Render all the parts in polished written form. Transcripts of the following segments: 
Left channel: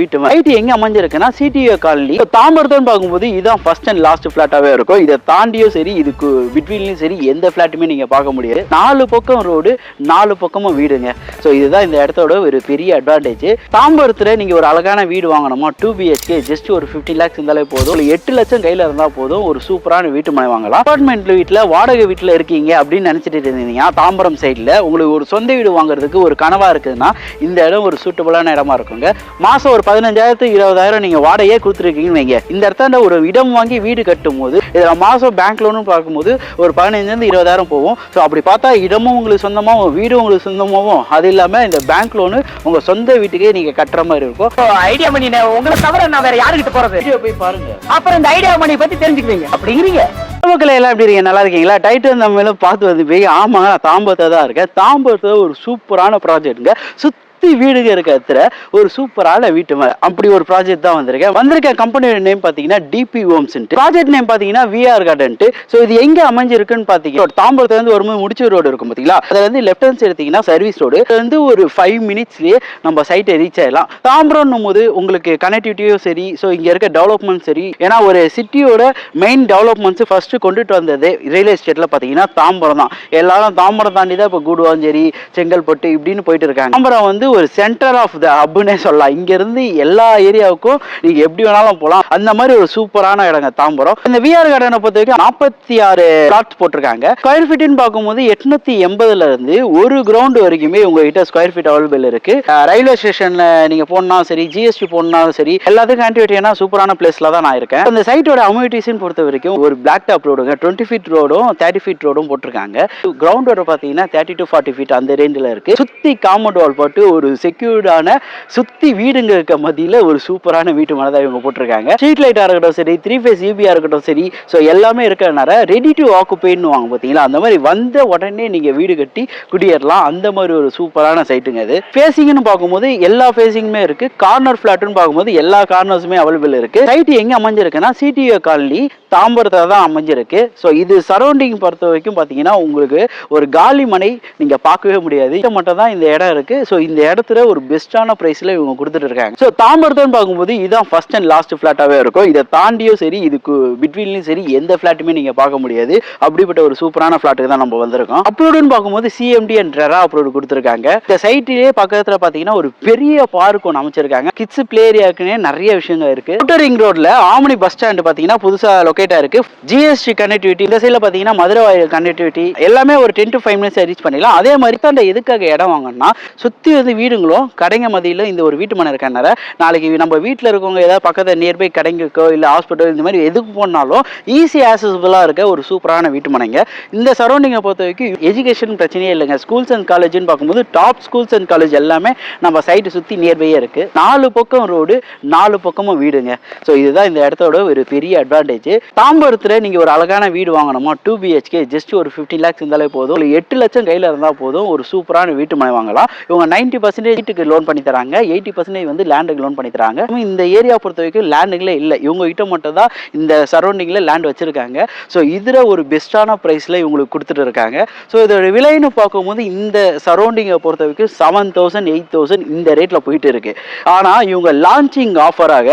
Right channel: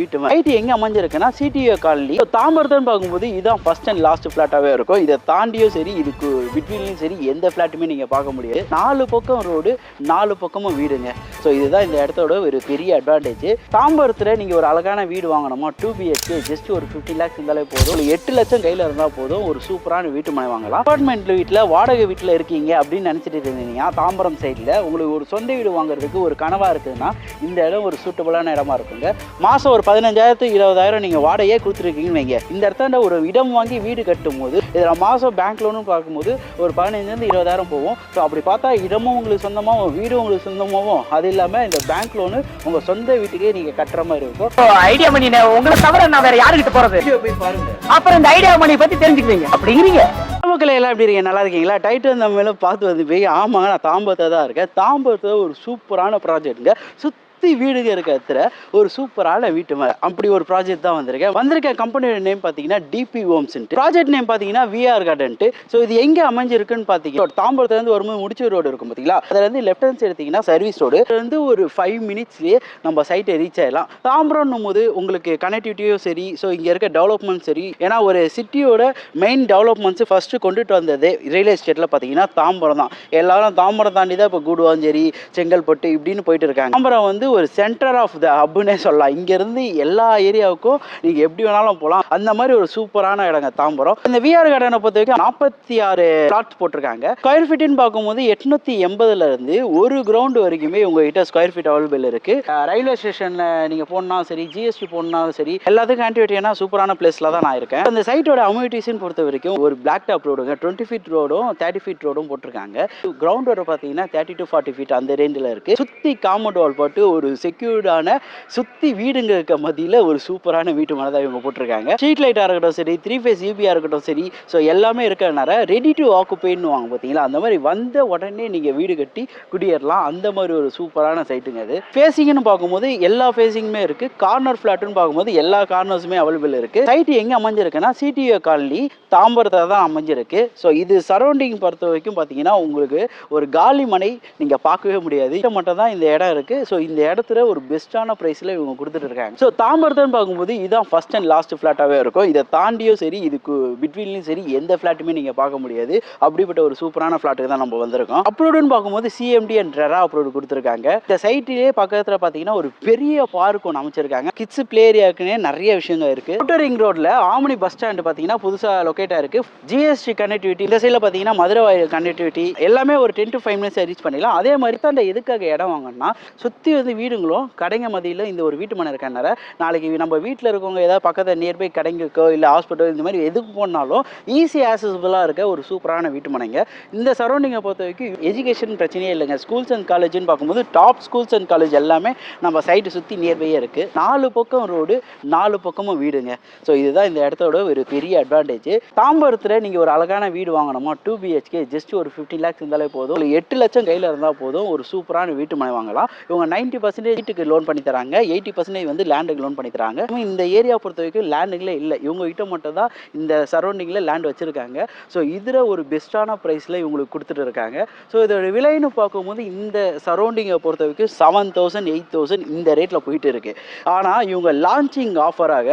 வீட்டு சைட் எங்க அமைஞ்சிருக்குன்னா CTO colony தாம்பரத்தோன்னு பார்க்கும்போது இதுதான் ஃபர்ஸ்ட் அண்ட் லாஸ்ட் பிளாட்டாவே இருக்கும். இதை தாண்டியும் சரி இதுக்கு பிட்வீன்லயும் சரி எந்த பிளாட்டுமே நீங்க பார்க்க முடியாது. 4 பக்கம் ரோடு 4 பக்கமும் வீடுங்க. ஸோ இதுதான் இந்த இடத்தோட ஒரு பெரிய அட்வான்டேஜ். தாம்பரத்துல நீங்க ஒரு அழகான வீடு வாங்கணுமா 2 BHK ஜஸ்ட் ஒரு 50 lakhs இருந்தாலே போதும். 8 லட்சம் கையில இருந்தா போதும் ஒரு சூப்பரான வீட்டு மனை வாங்கலாம். அபார்ட்மெண்ட் வீட்டுல வாடகை வீட்டுல இருக்கீங்க அப்படின்னு நினைச்சிட்டு இருந்தீங்கன்னா தாம்பரம் சைட்ல உங்களுக்கு ஒரு சொந்த வீடு வாங்குறதுக்கு ஒரு கனவா இருக்குதுன்னா இந்த இடம் ஒரு சூட்டபிளான இடமா இருக்குங்க. மாசம் ஒரு 15,000 20,000 நீங்க வாடகையே கொடுத்துருக்கீங்கன்னு வைங்க. இந்த இடத்துல ஒரு இடம் வாங்கி வீடு கட்டும் போது இதுல மாசம் பேங்க் லோனும் பார்க்கும்போது ஒரு 15,000 20,000 போகும். ஸோ அப்படி பார்த்தா இடமும் உங்களுக்கு சொந்தமாகவும் வீடும் உங்களுக்கு சொந்தமாகவும் அது இல்லாம இந்த பேங்க் லோனு உங்க சொந்த வீட்டுக்கே நீங்க கட்டுற மாதிரி இருக்கும். ஐடியா மணி உங்களை தவிர நான் வேற யாருக்கிட்ட போறது? போய் பாருங்க, அப்புறம் இந்த ஐடியா மணி பத்தி தெரிஞ்சுக்குவீங்க அப்படிங்கிறீங்க. மக்கள் எல்லாம் எப்படி இருக்கீங்க? நல்லா இருக்கீங்களா? டைட்டில் நம்ம மேலும் பார்த்து வந்து போய் ஆமாங்க நான் தாம்பரத்தை தான் இருக்கேன். தாம்பரத்தை ஒரு சூப்பரான ப்ராஜெக்ட்டுங்க. வீடுங்க இருக்க இடத்துல ஒரு சூப்பரான வீட்டு மேல அப்படி ஒரு ப்ராஜெக்ட் தான் வந்திருக்க கம்பெனியோட நேம் பாத்தீங்கன்னா டிபி ஹோம்ஸ். ப்ராஜெக்ட் நேம் பாத்தீங்கன்னா விஆர் கார்டன். சோ இது எங்க அமைஞ்சிருக்குன்னு பாத்தீங்கன்னா தாம்பரத்துல இருந்து வரும்போது முடிச்சு ரோடு இருக்கும் பாத்தீங்களா, அதுல இருந்து லெஃப்ட் ஹேண்ட் எடுத்தீங்கன்னா சர்வீஸ் ரோடு வந்து ஒரு 5 மினிட்ஸ்லயே நம்ம சைட்டை ரீச் ஆயிடலாம். தாம்பரம் போது உங்களுக்கு கனெக்டிவிட்டியும் சரி, ஸோ இங்க இருக்க டெவலப்மெண்ட் சரி, ஏன்னா ஒரு சிட்டியோட மெயின் டெவலப்மெண்ட்ஸ் ஃபர்ஸ்ட் கொண்டுட்டு வந்தது ரியல் எஸ்டேட்ல பாத்தீங்கன்னா தாம்பரம் தான். எல்லாரும் தாம்பரம் தாண்டி தான் இப்போ கூடுவாஞ்சேரி செங்கல்பட்டு இப்படின்னு போயிட்டு இருக்காங்க. தாம்பரம் வந்து ஒரு சென்டர் ஆஃப் த ஹப்னே சொல்லலாம். இங்க இருந்து எல்லா ஏரியாவுக்கும் நீங்க எப்படி வேணாலும் போகலாம். அந்த மாதிரி ஒரு சூப்பரான இடங்க தாம்பரம். இந்த விஆர் கார்டனை பொறுத்த வரைக்கும் 46 பிளாட்ஸ் போட்டிருக்காங்க. ஸ்கொயர் ஃபீட்னு பார்க்கும்போது 880ல இருந்து ஒரு கிரவுண்ட் வரைக்குமே உங்ககிட்ட ஸ்கொயர் ஃபீட் அவைலபிள் இருக்கு. ரயில்வே ஸ்டேஷன்ல நீங்க போனா சரி, ஜிஎஸ்டி போனாலும் சரி, எல்லாத்துக்கும் ஆன்டிவிட்டியான சூப்பரான பிளேஸ்ல தான் நான் இருக்கேன். அந்த சைட்டோட அம்யூனிட்டிஸ் பொறுத்த வரைக்கும் ஒரு பிளாக் டாப் ரோடுங்க 20 ஃபீட் ரோடும் 30 ஃபீட் ரோடும் போட்டிருக்காங்க. கிரவுண்ட் ரோடு பாத்தீங்கன்னா 30 to 40 ஃபீட் அந்த ரேஞ்சில் இருக்கு. சுத்தி காம்பவுண்ட் வால் போட்டு ஒரு செக்யூர்டான சுத்தி வீடுங்க இருக்க மத்தியில ஒரு சூப்பரான வீட்டு மனை தான் இவங்க போட்டிருக்காங்க. ஸ்ட்ரீட் லைட்டா இருக்கட்டும் சரி, 3 phase EBயா இருக்கட்டும் சரி, ஸோ எல்லாமே இருக்கிறதுனால ரெடி டு ஆக்குபைன்னு வாங்க பார்த்தீங்களா, அந்த மாதிரி வந்த உடனே நீங்க வீடு கட்டி குடியேறலாம். அந்த மாதிரி ஒரு சூப்பரான சைட்டுங்க அது. ஃபேசிங்னு பார்க்கும்போது எல்லா ஃபேசிங்குமே இருக்கு. கார்னர் ஃபிளாட்னு பார்க்கும்போது எல்லா கார்னர்ஸுமே அவைலபிள் இருக்கு. சைட் எங்க அமைஞ்சிருக்குன்னா சிடிஓ காலனி தாம்பரத்துல தான் அமைஞ்சிருக்கு. ஸோ இது சரௌண்டிங் பொறுத்த வரைக்கும் பார்த்தீங்கன்னா உங்களுக்கு ஒரு காலி மனை நீங்க பார்க்கவே முடியாது. இது மட்டும் தான் இந்த இடம் இருக்கு. ஸோ இந்த இடத்துல ஒரு பெஸ்டான பிரைஸ்ல இவங்க கொடுத்துட்டு இருக்காங்க. ஸோ தாம்பரத்தோன்னு பார்க்கும்போது இதுதான் ஃபர்ஸ்ட் அண்ட் லாஸ்ட் பிளாட்டாவே இருக்கும். இதை தாண்டியும் சரி இதுக்கு பிட்வீன்லயும் சரி எந்த பிளாட்டுமே நீங்க பார்க்க முடியாது. அப்படிப்பட்ட ஒரு சூப்பரான பிளாட்டுக்கு தான் நம்ம வந்திருக்கோம். அப்ரோடுன்னு பார்க்கும்போது சிஎம்டி அண்ட் ரெரா அப்ரோடு கொடுத்துருக்காங்க. இந்த சைட்லயே பக்கத்துல பாத்தீங்கன்னா ஒரு பெரிய பார்க் ஒன்று அமைச்சிருக்காங்க. கிட்ஸ் பிளே ஏரியாக்குன்னே நிறைய விஷயங்கள் இருக்கு. அவுட்டர் ரிங் ரோட்ல ஆமணி பஸ் ஸ்டாண்ட் பாத்தீங்கன்னா புதுசா லொகேட்டா இருக்கு. ஜிஎஸ்டி கனெக்டிவிட்டி இந்த சைட்ல பாத்தீங்கன்னா மதுரை கனெக்டிவிட்டி எல்லாமே ஒரு 10 to 5 மினிட்ஸ் ரீச் பண்ணிடலாம். அதே மாதிரி தான் எதுக்காக இடம் வாங்கணும்னா சுத்தி வந்து வீடுங்களும் கடைங்க மதியில இந்த ஒரு வீட்டு மனை இருக்கனால நாளைக்கு நம்ம வீட்டில் இருக்கவங்க ஏதாவது பக்கத்தில் நியர்பை கடைங்களுக்கோ இல்லை ஹாஸ்பிட்டல் இந்த மாதிரி எதுக்கு போனாலும் ஈஸி ஆக்சஸபிளாக இருக்க ஒரு சூப்பரான வீட்டு மனைங்க. இந்த சரௌண்டிங்கை பொறுத்த வரைக்கும் எஜுகேஷன் பிரச்சனையே இல்லைங்க. ஸ்கூல்ஸ் அண்ட் காலேஜ்னு பார்க்கும்போது டாப் ஸ்கூல்ஸ் அண்ட் காலேஜ் எல்லாமே நம்ம சைட்டு சுற்றி நியர்பையே இருக்கு. 4 பக்கம் ரோடு 4 பக்கமும் வீடுங்க. ஸோ இதுதான் இந்த இடத்தோட ஒரு பெரிய அட்வான்டேஜ். தாம்பரத்தில் நீங்கள் ஒரு அழகான வீடு வாங்கணுமா 2 BHK ஜஸ்ட் ஒரு 50 lakhs இருந்தாலே போதும். 8 லட்சம் கையில் இருந்தால் போதும் ஒரு சூப்பரான வீட்டு மனை வாங்கலாம். இவங்க 90% வீட்டுக்கு லோன் பண்ணி தராங்க, 80% வந்து லேண்டுக்கு லோன் பண்ணி தராங்க. இந்த ஏரியா பொறுத்த வரைக்கும் லேண்டுகளே இல்லை, இவங்க கிட்ட மட்டும் தான் இந்த சரௌண்டிங்ல லேண்ட் வச்சிருக்காங்க. ஸோ இதுல ஒரு பெஸ்டான பிரைஸ்ல இவங்களுக்கு கொடுத்துட்டு இருக்காங்க. ஸோ இதோட விலைன்னு பார்க்கும்போது இந்த சரௌண்டிங்கை பொறுத்த வரைக்கும் 7,000 8,000 இந்த ரேட்ல போயிட்டு இருக்கு. ஆனா இவங்க லான்ச்சிங் ஆஃபராக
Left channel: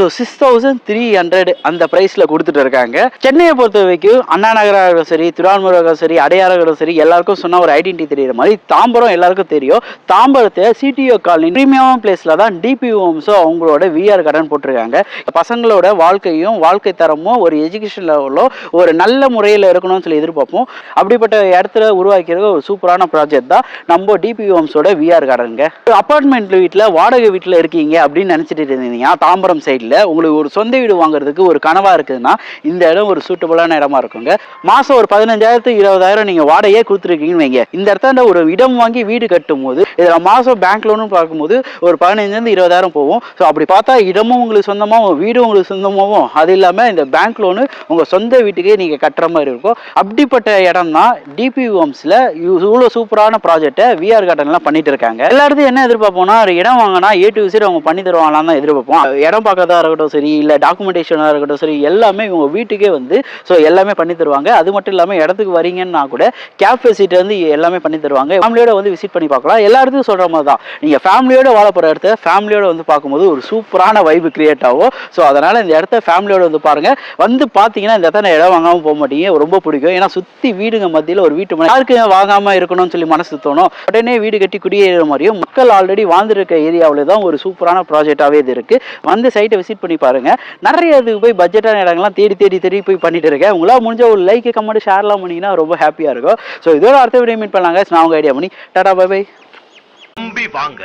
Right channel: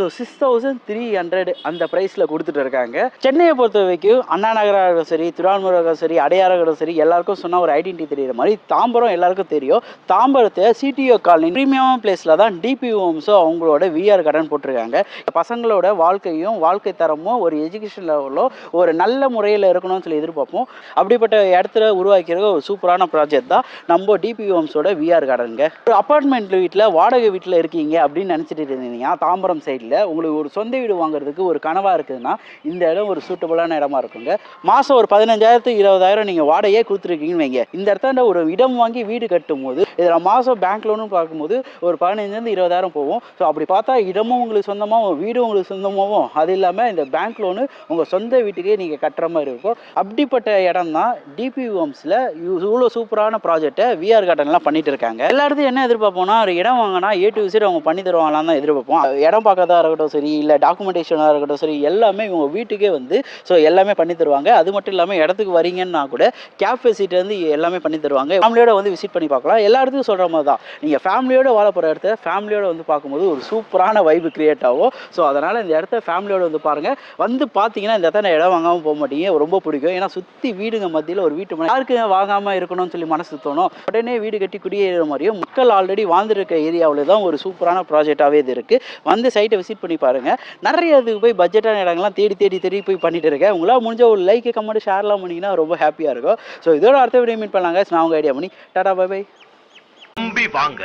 6,300 அந்த பிரைஸ்ல கொடுத்துட்டு இருக்காங்க. சென்னையை பொறுத்த வரைக்கும் அண்ணா நகராக சரி, திருவான்மூராக சரி, அடையாறும் சரி, எல்லாருக்கும் சொன்ன ஒரு ஐடென்டிட்டி தெரியுற மாதிரி தாம்பரம் எல்லாருக்கும் தெரியும். தாம்பரத்தை சிடிஓ காலனி பிரீமியம் பிளேஸ்ல தான் டிபி ஹோம்ஸோ அவங்களோட விஆர் கார்டன் போட்டிருக்காங்க. பசங்களோட வாழ்க்கையும் வாழ்க்கை தரமும் ஒரு எஜுகேஷன் லெவலோ ஒரு நல்ல முறையில் இருக்கணும்னு சொல்லி எதிர்பார்ப்போம். அப்படிப்பட்ட இடத்துல உருவாக்கிறது ஒரு சூப்பரான ப்ராஜெக்ட் தான் நம்ம டிபி ஹோம்ஸோட விஆர் கார்டனுங்க. அபார்ட்மெண்ட் வீட்டில் வாடகை வீட்டில் இருக்கீங்க அப்படின்னு நினைச்சிட்டு இருந்தீங்கன்னா தாம்பரம் சைடில் உங்களுக்கு ஒரு சொந்த வீடு வாங்குறதுக்கு ஒரு கனவா இருக்குதுன்னா இந்த இடம் ஒரு சூட்டபிளான இடமா இருக்குங்க. மாசம் ஒரு 15,000 20,000 நீங்க வாடகையே கொடுத்துருக்கீங்கன்னு வைங்க. இந்த இடத்துல ஒரு இடம் வாங்கி வீடு கட்டும் போது இதுல மாசம் பேங்க் லோனு பார்க்கும்போது ஒரு 15,000 20,000 போகும். ஸோ அப்படி பார்த்தா இடமும் உங்களுக்கு சொந்தமாகவும் வீடும் உங்களுக்கு சொந்தமாகவும் அது இல்லாமல் இந்த பேங்க் லோனு உங்கள் சொந்த வீட்டுக்கே நீங்கள் கட்டுற மாதிரி இருக்கும். அப்படிப்பட்ட இடம் தான் டிபி ஹோம்ஸில் இவ்வளோ சூப்பரான ப்ராஜெக்டை விஆர் கார்டன்லாம் பண்ணிட்டு இருக்காங்க. எல்லா இடத்தையும் என்ன எதிர்பார்ப்போம்னா ஒரு இடம் வாங்கினா A to Z அவங்க பண்ணி தருவாங்களான்னு தான் எதிர்பார்ப்போம். இடம் பார்க்கறதா இருக்கட்டும் சரி, இல்லை டாக்குமெண்டேஷனாக இருக்கட்டும் சரி, எல்லாமே இவங்க வீட்டுக்கே வந்து ஸோ எல்லாமே பண்ணி தருவாங்க. அது மட்டும் இல்லாமல் இடத்துக்கு வரீங்கன்னா கூட கேப் ஃபெசிலிட்டி வந்து எல்லாமே பண்ணி தருவாங்க. ஃபேமிலியோட வந்து விசிட் பண்ணி பார்க்கலாம். எல்லா இடத்துக்கும் சொல்கிற மாதிரி தான். நீங்கள் ஃபேமிலியோட வாழ போகிற இடத்த ஃபேமிலியோட வந்து பார்க்கும்போது ஒரு சூப்பரான வைப்பு கிரியேட் ஆகும். ஸோ அதனால் இந்த இடத்த ஃபேமிலியோட வந்து பாருங்கள். வந்து பார்த்தீங்கன்னா இந்த இடத்த இடம் வாங்காமல் போக மாட்டீங்க, ரொம்ப பிடிக்கும். ஏன்னா சுற்றி வீடுங்க மத்தியில் ஒரு வீட்டு யாருக்கு வாங்காமல் இருக்கணும்னு சொல்லி மனசு தோணும். உடனே வீடு கட்டி குடியேற மாதிரியும் மக்கள் ஆல்ரெடி வாழ்ந்துருக்க ஏரியாவில் தான் ஒரு சூப்பரான ப்ராஜெக்டாகவே இது இருக்குது. வந்து சைட்டை விசிட் பண்ணி பாருங்கள். நிறைய இதுக்கு போய் பட்ஜெட்டான இடங்கள்லாம் தேடி போய் பண்ணிட்டு இருக்கேன். உங்களால் முடிஞ்ச ஒரு லைக் கமெண்ட் ஷேர்லாம் பண்ணிங்கன்னா ரொம்ப ஹாப்பியாக இருக்கும். ஸோ இதோட அடுத்த வீடியோ மீட் பண்ணலாங்க. நான் உங்கள் ஐடியா பண்ணி டாடா பை பை. வாங்க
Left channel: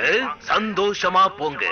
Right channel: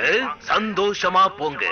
சந்தோஷமா போங்க.